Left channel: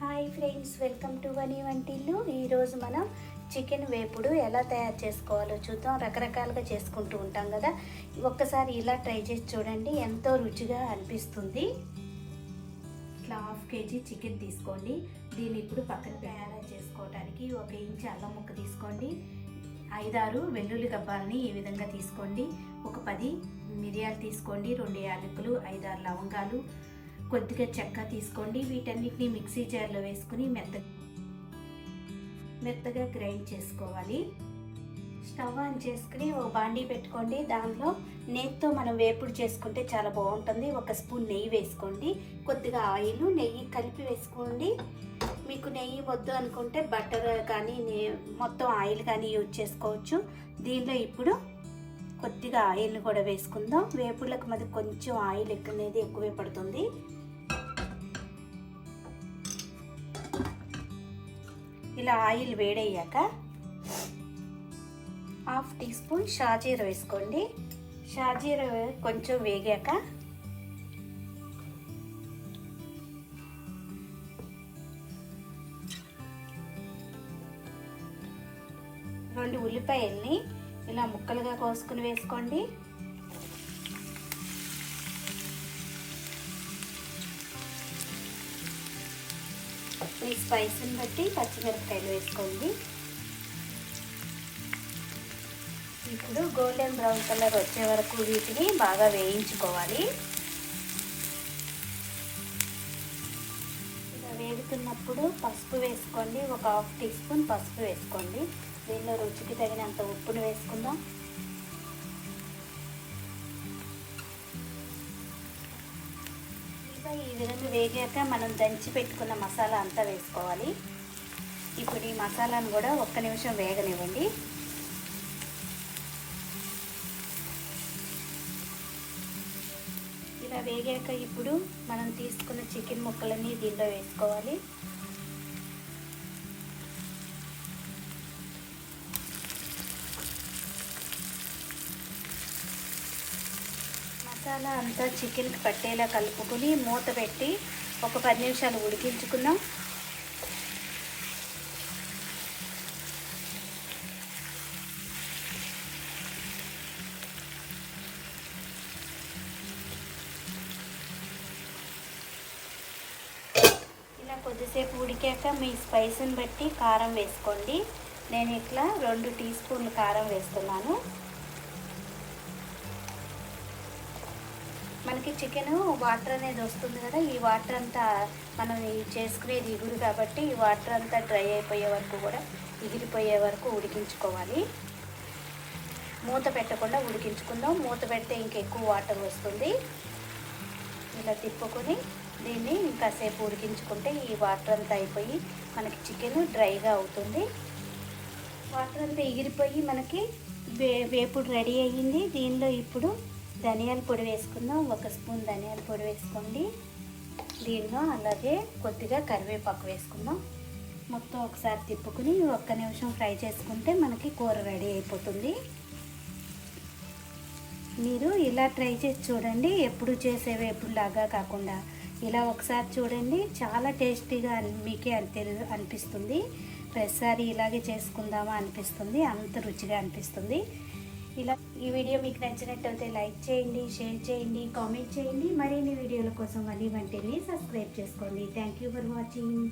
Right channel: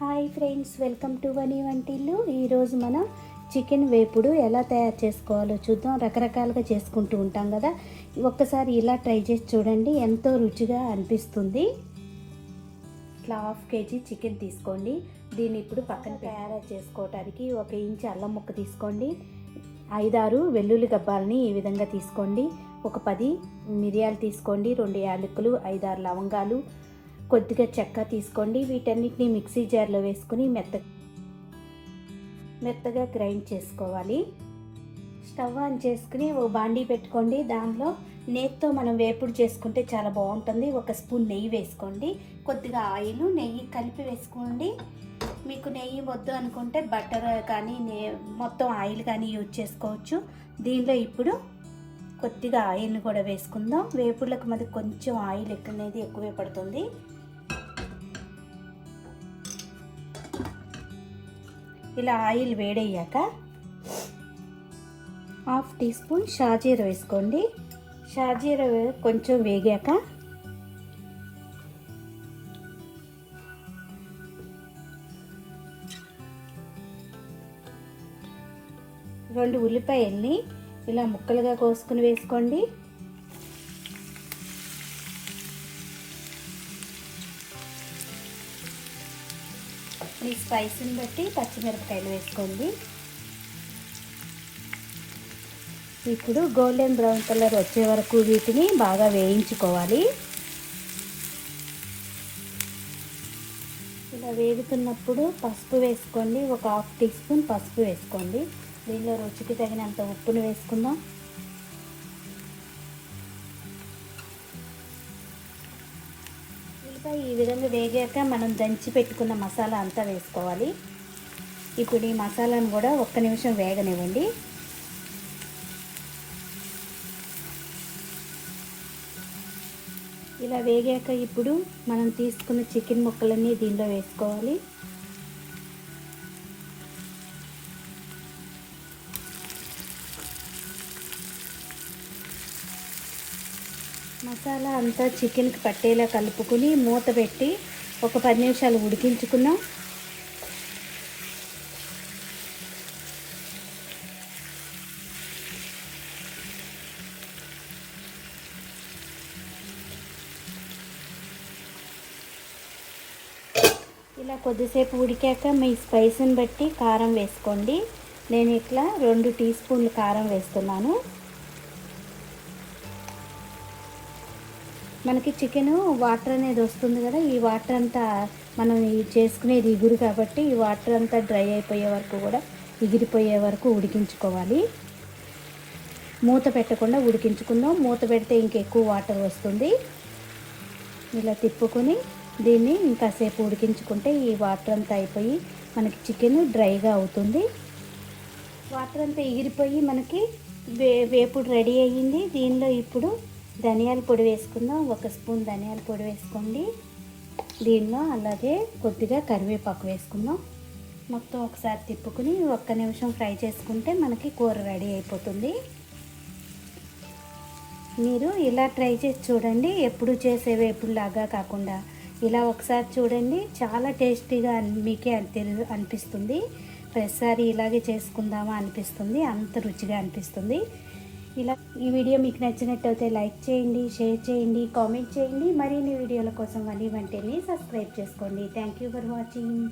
Hi friends, welcome to వని వంటిల్లు. ఈరోజు మనం చికెన్ వేపుడు ఎలా తయారు చేసుకోవాలో చూద్దాం. రకరకాలుగా చేసుకుంటూ ఉంటాం కదా, ఒక్కసారి ఇలా ట్రై చేసి చూడండి, ఎంతో రుచిగా అనిపిస్తుంది. ఇట్లా హాఫ్ కేజీ చికెన్ తీసుకోండి. దీన్ని ఇప్పుడు పక్కన తయారు చేసుకోవడానికి 1 ఇంచు అల్లం ముక్క తీసుకోండి. 5-6 వెల్లుల్లి గబ్బాలని ఈ విధంగా తీసుకోండి. ఒక 10 మిరియాలు తీసుకోండి. 2 యాలకులు, 5-6 లవంగాలు, కొద్దిగా చెక్క తీసుకోండి. వీటన్నిటిని మిక్సీ జార్లో వేసుకుని మెత్తగా గ్రైండ్ చేసుకోవాలి. స్టవ్ ఆన్ చేసుకుని ఓ బాండీ పెట్టుకోండి. దానిలో నేతితో మనం వేపుడు చేసుకుంటే చాలా బాగుంటుంది. 1 స్పూన్ నెయ్యి వేసుకోండి. కొద్దిగా ఆయిల్, నెయ్యి కలిపి వేసుకోండి. మీకు నెయ్యి వద్దు అనుకుంటే బటర్ కానీ మొత్తం ఆయిల్ కానీ యూజ్ చేసుకోవచ్చు. దీనిలో ఇప్పుడు కొద్దిగా ఆయిల్ని కూడా వేసుకుందాం. వేపుడులకు మరి కొంచెం ఆయిల్ అనేది ఎక్కువే పడుతుంది. ఇలా ఆయిల్ వేడయ్యాక 1/2 టీ స్పూన్ షాజీరా వేసుకోండి. షాజీరా కొంచెం వేగాక 2 ఉల్లిపాయల్ని ఇలా ముక్కలుగా కోసుకుని వేసుకోండి. ఈ స్పైస్ని బట్టి పచ్చిమిరపకాయలు వేసుకోండి. ఇప్పుడు గోల్డెన్ బ్రౌన్ కలర్ వచ్చే వరకు వీటిని బాగా వేయించుకోవాలి. ఇలా వేగుతున్నప్పుడు పసుపు వేసుకోండి. ఒక 1/2 టీ స్పూన్ పసుపు వేసుకోండి. దీనిలో రుచికి తగినంత ఉప్పును వేసుకుందాం. ఈ విధంగా వేగాక మనం దంచి పెట్టుకున్న మసాలా అంతా వేసుకోవాలి. ఇప్పుడు ఈ మసాలాను కూడా 1 నిమిషం వేగనివ్వండి. ఇలా వేగాక ఇప్పుడు మనం తీసుకున్న చికెన్ ముక్కలన్నీ దీనిలో వేసుకోవాలి. మసాలా అంతా చికెన్కి పట్టేలా కలుపుకుని మూత పెట్టి ఒక 10 నిమిషాలు ఉడికించుకుందాం. ఇలా కొద్దిసేపు ఉడికాక మీ స్పైస్ని బట్టి కారం వేసుకోండి. నేను ఇట్లా 2 టీ స్పూన్లు కారం వేస్తున్నాను. మనకి చికెన్ వాటర్ అనేది వస్తుంది కదా, ఈ వాటర్ అంతా మనం చేసుకునేది ఇగురు కాబట్టి ఈ వాటర్ అంతా డ్రై అయిపోయే వరకు కూడా ఎగిరిపోయే వరకు ఉడికించుకోవాలి. మూత పెట్టకుండా ఉడికించుకుందాం. మూత పెడితే ఇంకెక్కువ వాటర్ వస్తుంది. ఇలా తిప్పుకొని దీన్ని ఇంకాసేపు ఉడికించుకుంటే ఈ వాటర్ అంతా అయిపోయి మనకి చికెన్ డ్రైగా అవుతుంది. వాటర్ అంతా ఎగిరిపోయి మనకి వేపుడు రెడీ అయ్యింది. దీనిలో ఇప్పుడు ధనియాల పొడి వేసుకుందాం. 1 స్పూన్ ధనియాల పొడి వేసుకోండి. దీనిలో అలాగే కొద్దిగా కరివేపాకు వేసుకుందాం. మొత్తం ఒకసారి తిప్పుకుని 1 నిమిషం ఫ్రై చేసుకుంటే మనకి కూర రెడీ అయిపోతుంది. మీరు ఇలా ట్రై చేసి చూడండి. ఎప్పుడు చేసే వేపుడులాగా కాకుండా ఇలా ఒకసారి చూడండి, చాలా టేస్టీగా మీకే అనిపిస్తుంది. ప్రతిసారి ఇలాగే చేసుకుందామా అనిపిస్తుంది, అంత రుచిగా అనిపిస్తుంది. ఇలా ఈ వీడియో మీకు నచ్చినట్టయితే లైక్ చేయండి, షేర్ చేయండి, కామెంట్ చేయండి. మరిన్ని వీడియోల కోసం వని వంటిల్ని సబ్స్క్రైబ్ చేసుకోండి. Thank you for watching.